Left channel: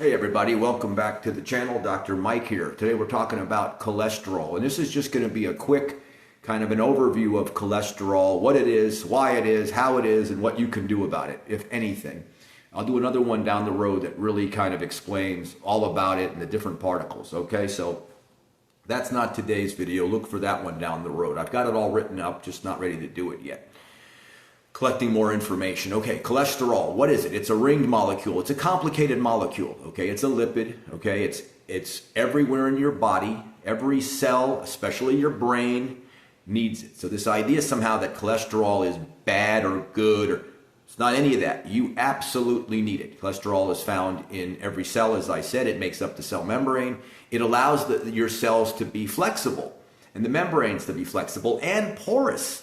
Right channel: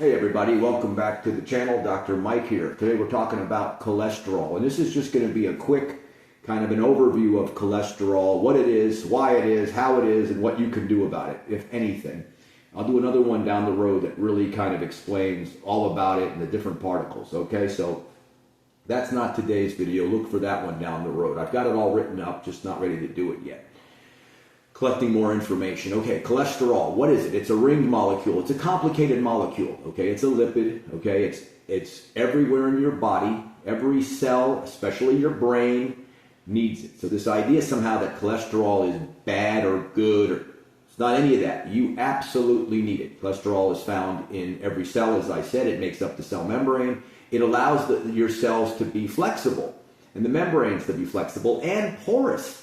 Hey everybody, welcome back to the channel. Dr. Mike here. Today we're talking about cholesterol, and this is just going to be a quick kind of an overview of cholesterol, what it is, why it is, how it is, and what you can do about it, if anything. I'll do another one down the road that really kind of explains all about it and the different particles, okay? So that's not today's video. Look for that one down the road. I've got it all written up, just not ready to do it yet. Collecting more information. Okay, cholesterol, what is it? It's a ringed molecule. It's a complicated molecule, okay? It's a lipid, okay? It's everywhere in your body. Every cell, especially your brain, needs it. So this idea somehow that cholesterol is bad or good, or it's not any of that. You absolutely need it. Cholesterol is found in every cell, as I said. It makes up the cell membrane. It allows your cells to be flexible and the membranes to be flexible and porous.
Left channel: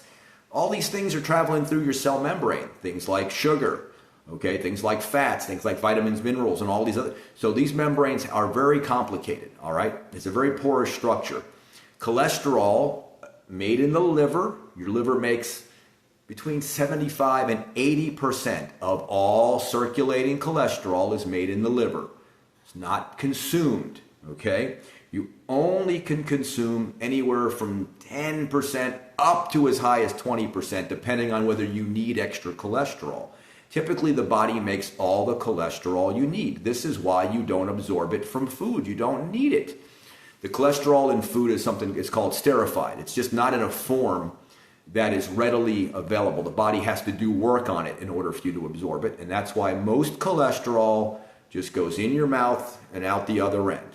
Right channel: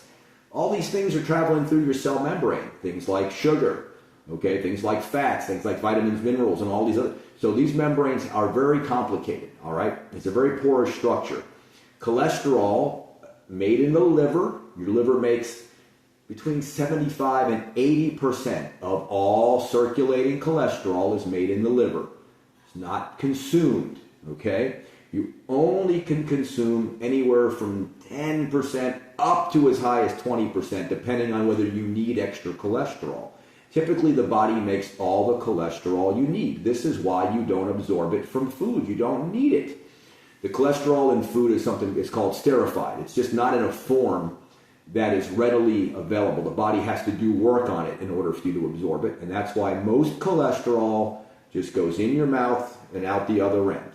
All these things are traveling through your cell membrane, things like sugar, okay, things like fats, things like vitamins, minerals, and all these other. So these membranes are very complicated, all right? It's a very porous structure. Cholesterol made in the liver, your liver makes between 75 and 80% of all circulating cholesterol is made in the liver. It's not consumed, okay? You only can consume anywhere from 10% up to as high as 20%, depending on whether you need extra cholesterol. Typically, the body makes all the cholesterol you need. This is why you don't absorb it from food. You don't need it. The cholesterol in food is something, it's called sterified. It's just not in a form that is readily available. The body has to do work on it in order for you to absorb it, and that's why most cholesterol just goes in your mouth and out the other end,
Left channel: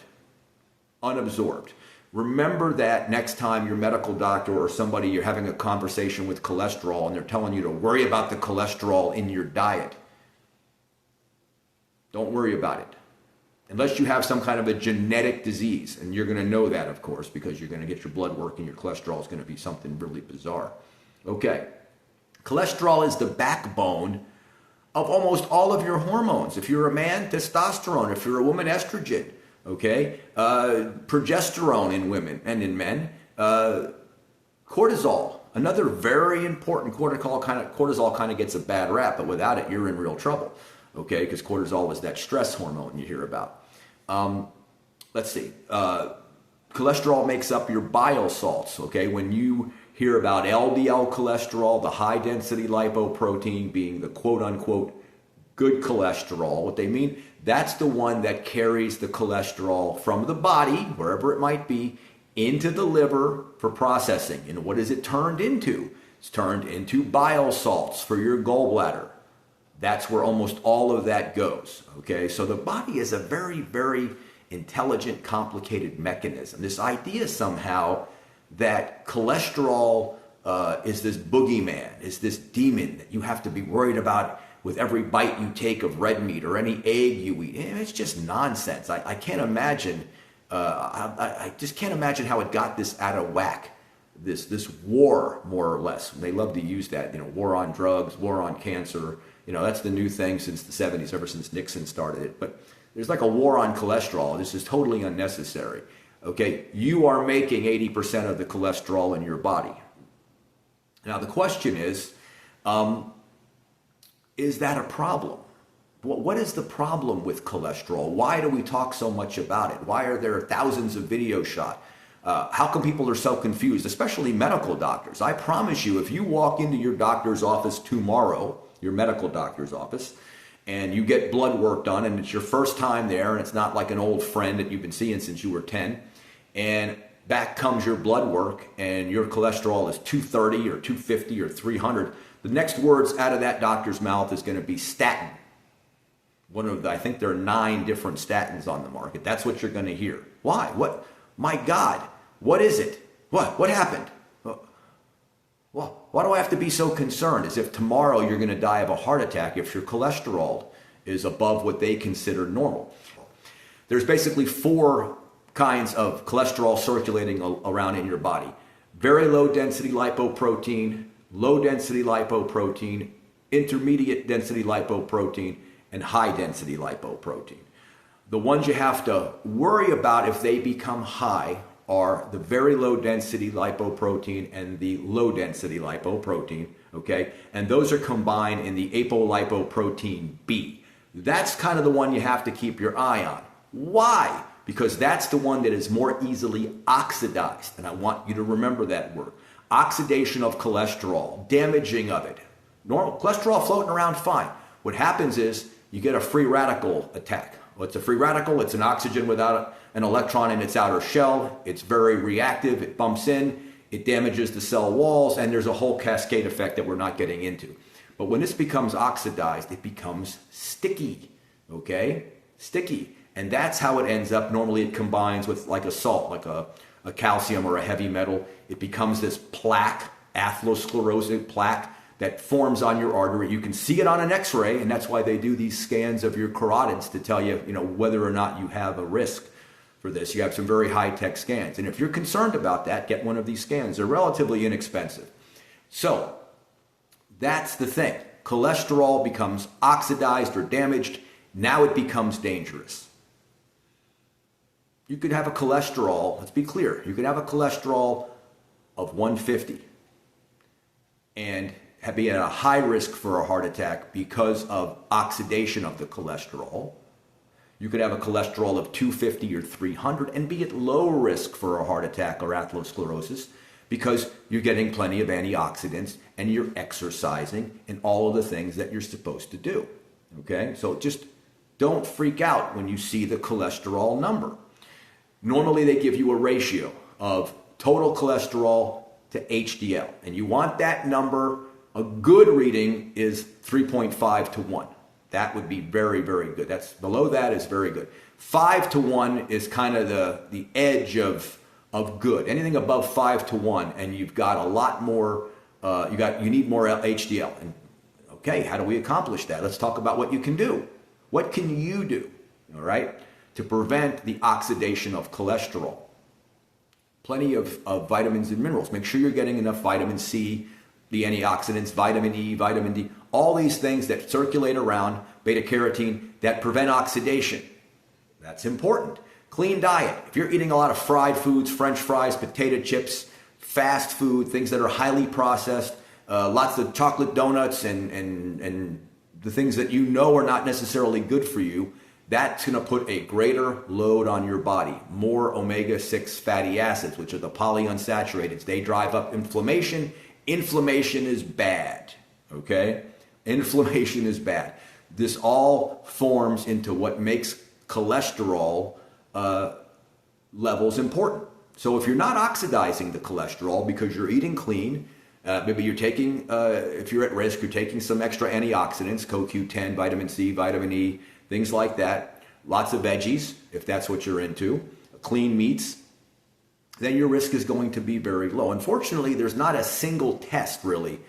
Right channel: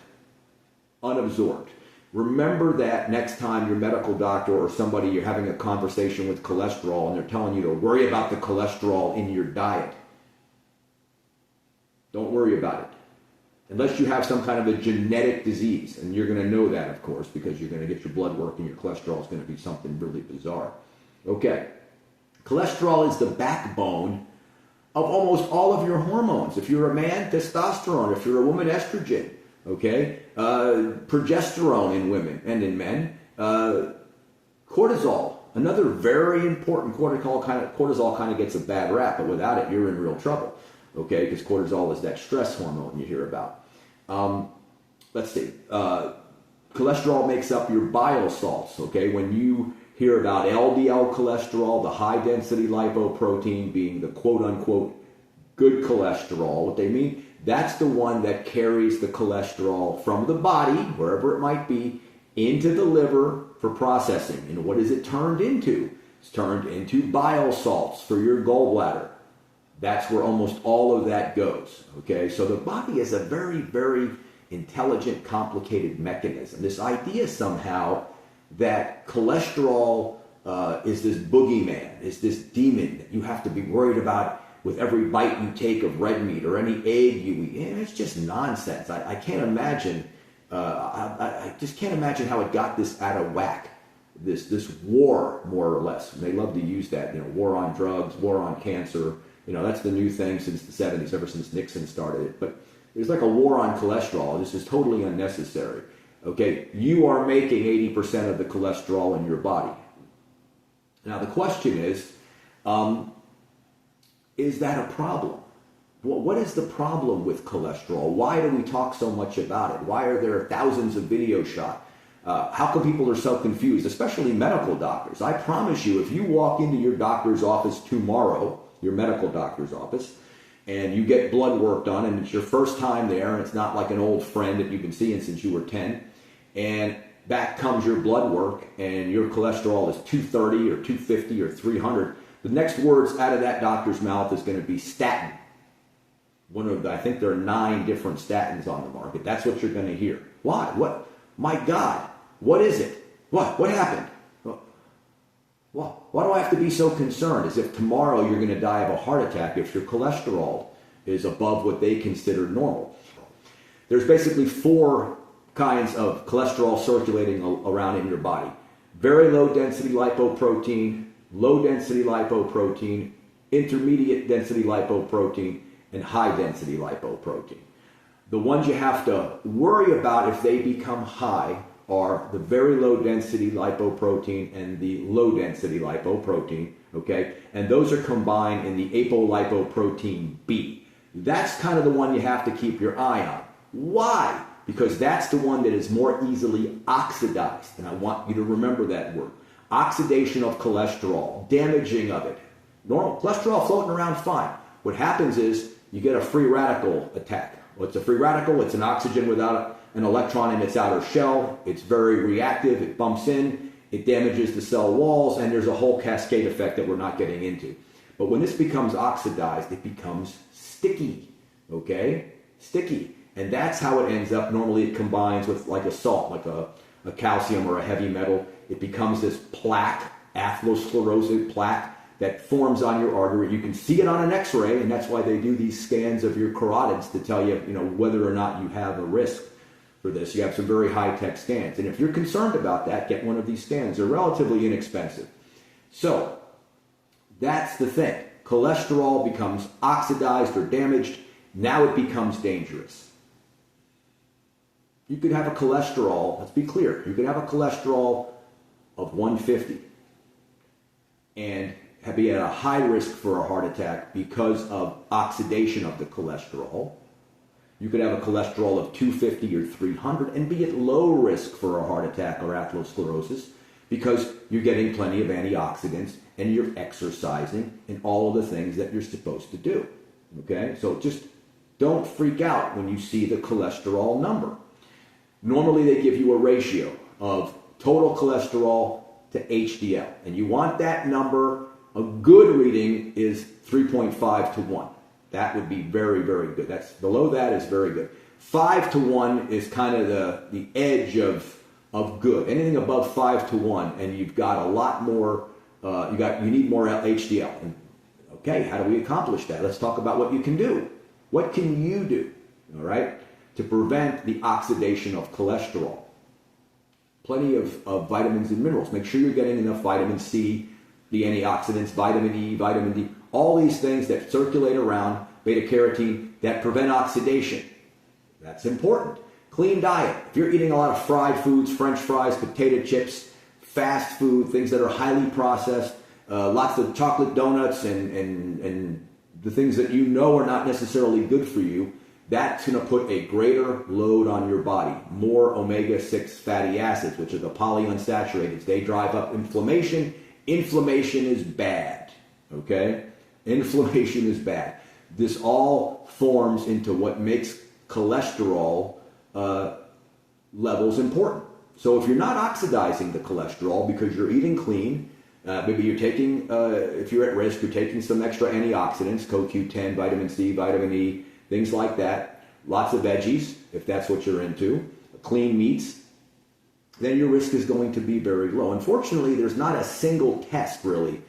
unabsorbed. Remember that next time your medical doctor or somebody you're having a conversation with cholesterol and they're telling you to worry about the cholesterol in your diet. Don't worry about it. Unless you have some kind of a genetic disease, and you're going to know that, of course, because you're going to get your blood work and your cholesterol is going to be something really bizarre. Okay. Cholesterol is the backbone of almost all of your hormones. If you're a man, testosterone. If you're a woman, estrogen. Okay, progesterone in women and in men, cortisol, another very important. Cortisol kind of gets a bad rap, but without it, you're in real trouble. Okay, because cortisol is that stress hormone you hear about. Let's see, cholesterol makes up your bile salts. Okay, when you hear about LDL cholesterol, the high density lipoprotein being the quote unquote good cholesterol, what they mean, that's the one that carries the cholesterol from the body, wherever it might be, into the liver for processing. And what is it turned into? It's turned into bile salts for your gallbladder. That's where almost all of that goes. Okay, so the body is a very, very intelligent, complicated mechanism. This idea somehow that cholesterol is this boogeyman, is this demon that you have to be worried about with every bite you take of red meat or any egg you eat. It's just nonsense. I can't imagine, I just can't imagine how it got this out of whack. This war, more or less. And they love to use that, war on drugs, war on cancer. That's the new thing since the 70s, ever since Nixon started it. But there's like a war on cholesterol. This is totally unnecessary. Okay, you are making 80% of the cholesterol in your body. Now the question is that a problem? What is the problem with cholesterol? Why do we talk so much about it? Why are there thousands of videos shot? How come people are so confused, especially medical doctors? I promise you, if you walk into your doctor's office tomorrow, your medical doctor's office, and you get blood work done, and it's your first time there, and it's not like an old friend that you've been seeing since you were 10, and back comes your blood work, and your cholesterol is 230 or 250 or 300, the next words out of that doctor's mouth is going to be statin. I think there are 9 different statins on the market. That's what you're going to hear. Why? What? My God, what is it? What happened? Well, why do I have to be so concerned? As if tomorrow you're going to die of a heart attack if your cholesterol is above what they consider normal. There's basically 4 kinds of cholesterol circulating around in your body. Very low density lipoprotein, low density lipoprotein, intermediate density lipoprotein, and high density lipoprotein. The ones you have to worry about if they become high are the very low density lipoprotein and the low density lipoprotein, okay? And those are combined in the apolipoprotein B. That's kind of the one you have to keep your eye on. Why? Because that's the one that is more easily oxidized. And I want you to remember that word. Oxidation of cholesterol, damaging of it. Normal cholesterol floating around fine. What happens is you get a free radical attack. What's a free radical? It's an oxygen without an electron in its outer shell. It's very reactive. It bumps in. It damages the cell walls. And there's a whole cascade effect that we're not getting into. But when this becomes oxidized, it becomes sticky. Okay? Sticky. And that's how it ends up. Normally it combines with like a salt, like a calcium or a heavy metal. It becomes this plaque, atherosclerosis plaque that forms on your artery. You can see it on an x-ray, and that's why they do these scans of your carotids to tell you, whether or not you have a risk for this. You have some very high-tech scans. And if you're concerned about that, get one of these scans. They're relatively inexpensive. So that's the thing. Cholesterol becomes oxidized or damaged. Now it becomes dangerous. You could have a cholesterol, let's be clear, you could have a cholesterol of 150 and be at a high risk for a heart attack because of oxidation of the cholesterol. You could have a cholesterol of 250 or 300 and be at low risk for a heart attack or atherosclerosis because you're getting plenty of antioxidants and you're exercising and all of the things that you're supposed to do. Okay, so just don't freak out when you see the cholesterol number. Normally they give you a ratio of total cholesterol to HDL, and you want that number. A good reading is 3.5 to 1. That would be very, very good. That's below that is very good. 5 to 1 is kind of the edge of good. Anything above 5 to 1, and you've got a lot more. You need more HDL. And okay, how do we accomplish that? Let's talk about what you can do. What can you do? All right, to prevent the oxidation of cholesterol. Plenty of vitamins and minerals. Make sure you're getting enough vitamin C, the antioxidants, vitamin E, vitamin D, all these things that circulate around, beta carotene, that prevent oxidation. That's important. Clean diet. If you're eating a lot of fried foods, French fries, potato chips, fast food, things that are highly processed, lots of chocolate donuts and the things that you know are not necessarily good for you, that's going to put a greater load on your body. More omega-6 fatty acids, which are the polyunsaturated. They drive up inflammation. Inflammation is bad, okay? Inflammation is bad. This all forms into what makes cholesterol levels important. So if you're not oxidizing the cholesterol because you're eating clean, maybe you're taking, if you're at risk, you're taking some extra antioxidants, CoQ10, vitamin C, vitamin E, things like that. Lots of veggies, if that's what you're into, clean meats, then your risk is going to be very low. Unfortunately, there's not a single test really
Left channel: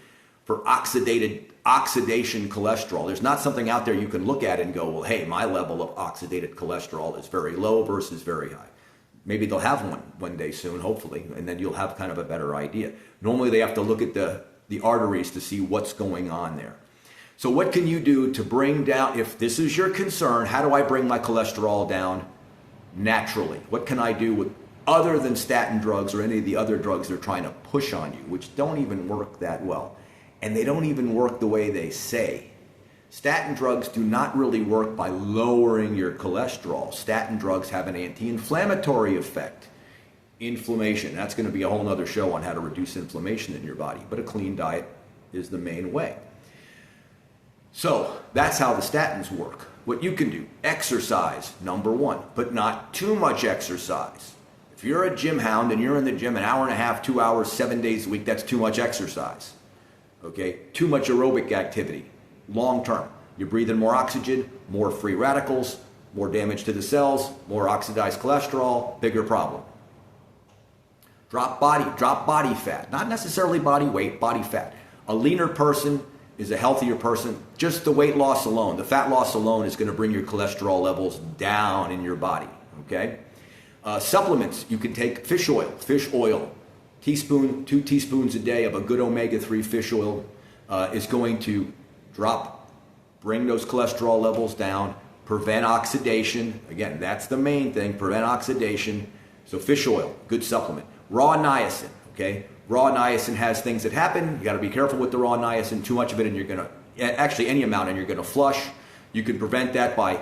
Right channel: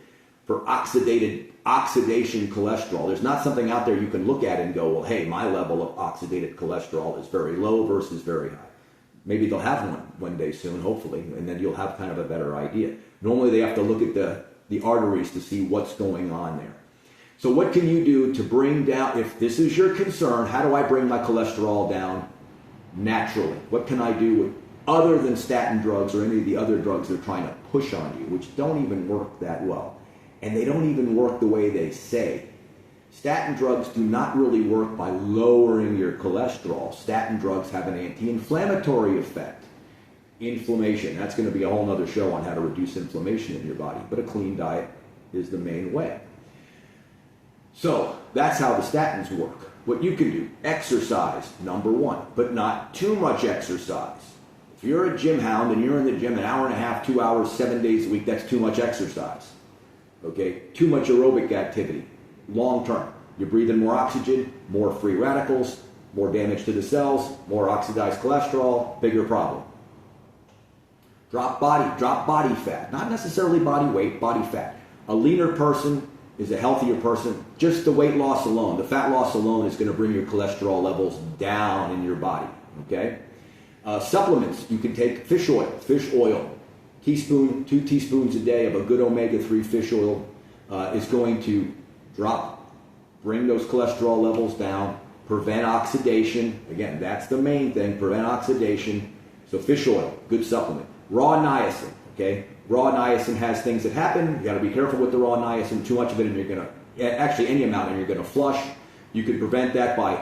for oxidation cholesterol. There's not something out there you can look at and go, well, hey, my level of oxidated cholesterol is very low versus very high. Maybe they'll have one day soon, hopefully, and then you'll have kind of a better idea. Normally, they have to look at the arteries to see what's going on there. So what can you do to bring down, if this is your concern, how do I bring my cholesterol down naturally? What can I do other than statin drugs or any of the other drugs they're trying to push on you, which don't even work that well? And they don't even work the way they say. Statin drugs do not really work by lowering your cholesterol. Statin drugs have an anti-inflammatory effect. Inflammation, that's going to be a whole other show on how to reduce inflammation in your body, but a clean diet is the main way. So that's how the statins work. What you can do, exercise, number one, but not too much exercise. If you're a gym hound and you're in the gym an hour and a half, 2 hours, 7 days a week, that's too much exercise. Okay, too much aerobic activity, long term. You're breathing more oxygen, more free radicals, more damage to the cells, more oxidized cholesterol, bigger problem. Drop body fat, not necessarily body weight, body fat. A leaner person is a healthier person. Just the weight loss alone, the fat loss alone is going to bring your cholesterol levels down in your body, okay? Supplements, you can take fish oil, 2 teaspoons a day of a good omega-3 fish oil is going to bring those cholesterol levels down, prevent oxidation. Again, that's the main thing, prevent oxidation. So fish oil, good supplement. Raw niacin, okay? Raw niacin has things that happen. You got to be careful with the raw niacin. Too much of it and you're going to, actually any amount, and you're going to flush. You can prevent that by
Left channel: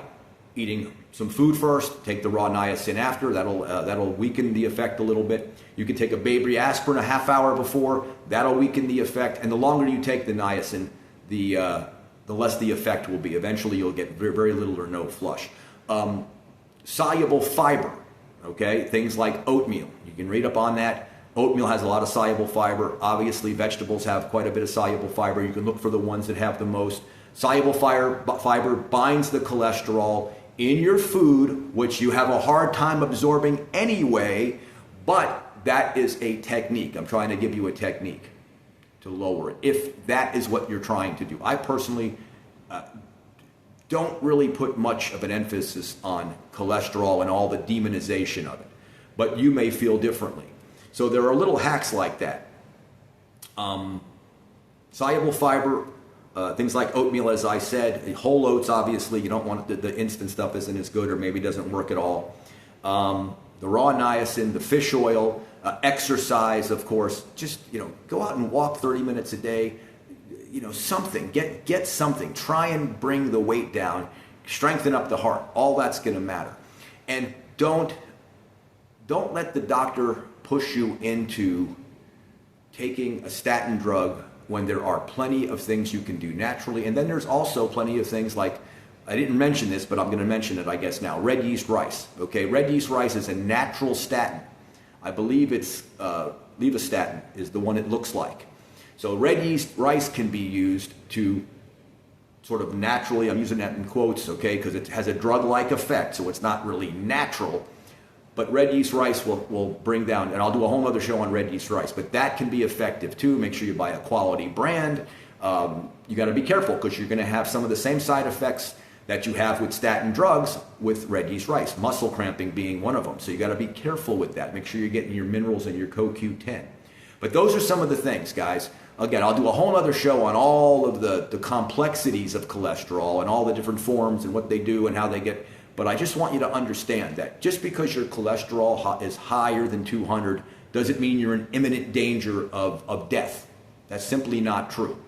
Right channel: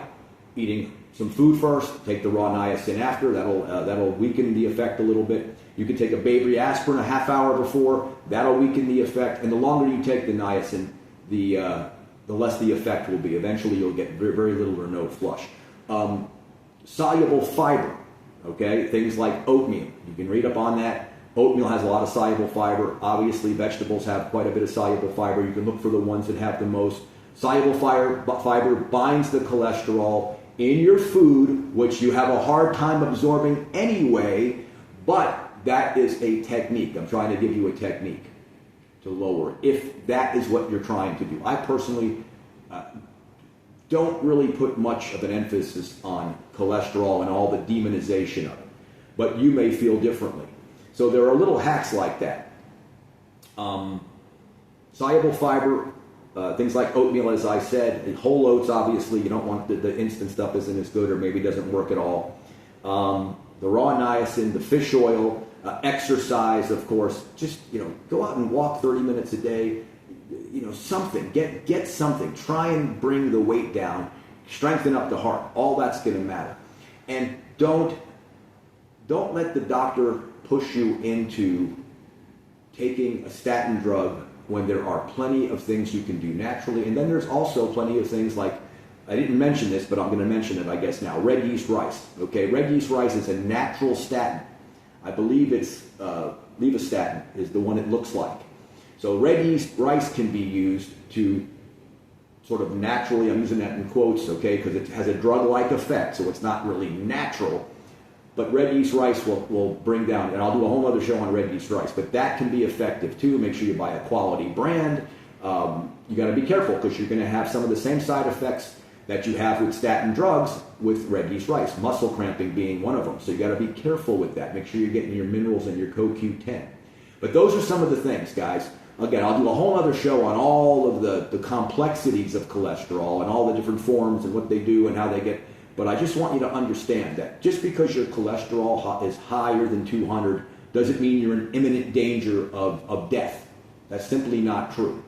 eating some food first, take the raw niacin after. That'll weaken the effect a little bit. You can take a baby aspirin a half hour before. That'll weaken the effect. And the longer you take the niacin, the less the effect will be. Eventually, you'll get very, very little or no flush. Soluble fiber, okay? Things like oatmeal. You can read up on that. Oatmeal has a lot of soluble fiber. Obviously, vegetables have quite a bit of soluble fiber. You can look for the ones that have the most. Soluble fiber binds the cholesterol in your food, which you have a hard time absorbing anyway, but that is a technique. I'm trying to give you a technique to lower it, if that is what you're trying to do. I personally don't really put much of an emphasis on cholesterol and all the demonization of it, but you may feel differently. So there are little hacks like that. Soluble fiber, things like oatmeal, as I said, whole oats, obviously, you don't want the instant stuff isn't as good or maybe doesn't work at all. The raw niacin, the fish oil, exercise, of course, just, go out and walk 30 minutes a day, something, get something, try and bring the weight down, strengthen up the heart, all that's going to matter. And don't let the doctor push you into taking a statin drug when there are plenty of things you can do naturally. And then there's also plenty of things like, I didn't mention this, but I'm going to mention it, I guess, now. Red yeast rice. Okay, red yeast rice is a natural statin. I believe it's levastatin is the one it looks like. So red yeast rice can be used to sort of naturally, I'm using that in quotes, okay, because it has a drug-like effect, so it's not really natural. But red yeast rice will bring down, and I'll do a whole other show on red yeast rice, but that can be effective too. Make sure you buy a quality brand. You got to be careful because you're going to have some of the same side effects that you have with statin drugs with red yeast rice, muscle cramping being one of them. So you got to be careful with that. Make sure you're getting your minerals and your CoQ10. But those are some of the things, guys. Again, I'll do a whole other show on all of the complexities of cholesterol and all the different forms and what they do and how they get. But I just want you to understand that just because your cholesterol is higher than 200 doesn't mean you're in imminent danger of death. That's simply not true.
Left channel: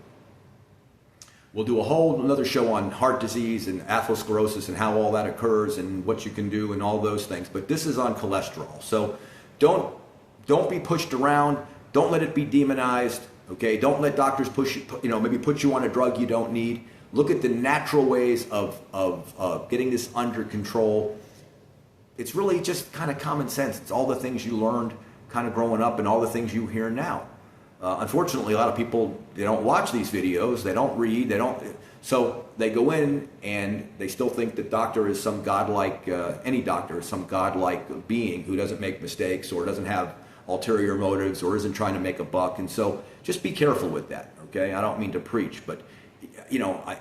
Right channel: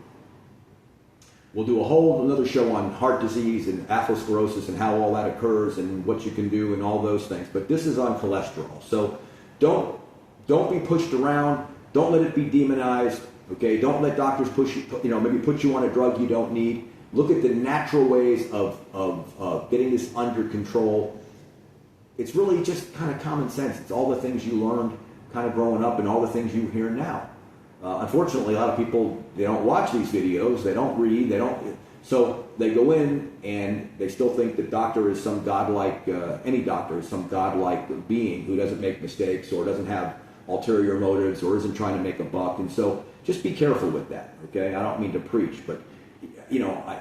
We'll do a whole another show on heart disease and atherosclerosis and how all that occurs and what you can do and all those things. But this is on cholesterol. So don't be pushed around. Don't let it be demonized. Okay? Don't let doctors push you, maybe put you on a drug you don't need. Look at the natural ways of getting this under control. It's really just kind of common sense. It's all the things you learned kind of growing up and all the things you hear now. Unfortunately, a lot of people, they don't watch these videos, they don't read, so they go in and they still think the doctor is some godlike, any doctor is some godlike being who doesn't make mistakes or doesn't have ulterior motives or isn't trying to make a buck. And so just be careful with that, okay? I don't mean to preach, but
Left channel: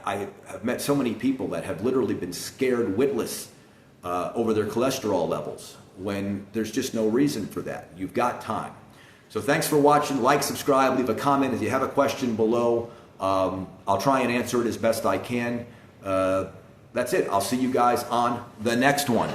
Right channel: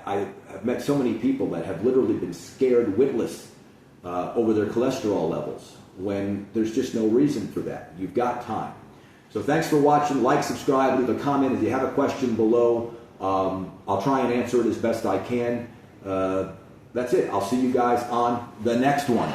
I have met so many people that have literally been scared witless over their cholesterol levels when there's just no reason for that. You've got time. So thanks for watching. Like, subscribe, leave a comment. If you have a question below, I'll try and answer it as best I can. That's it. I'll see you guys on the next one.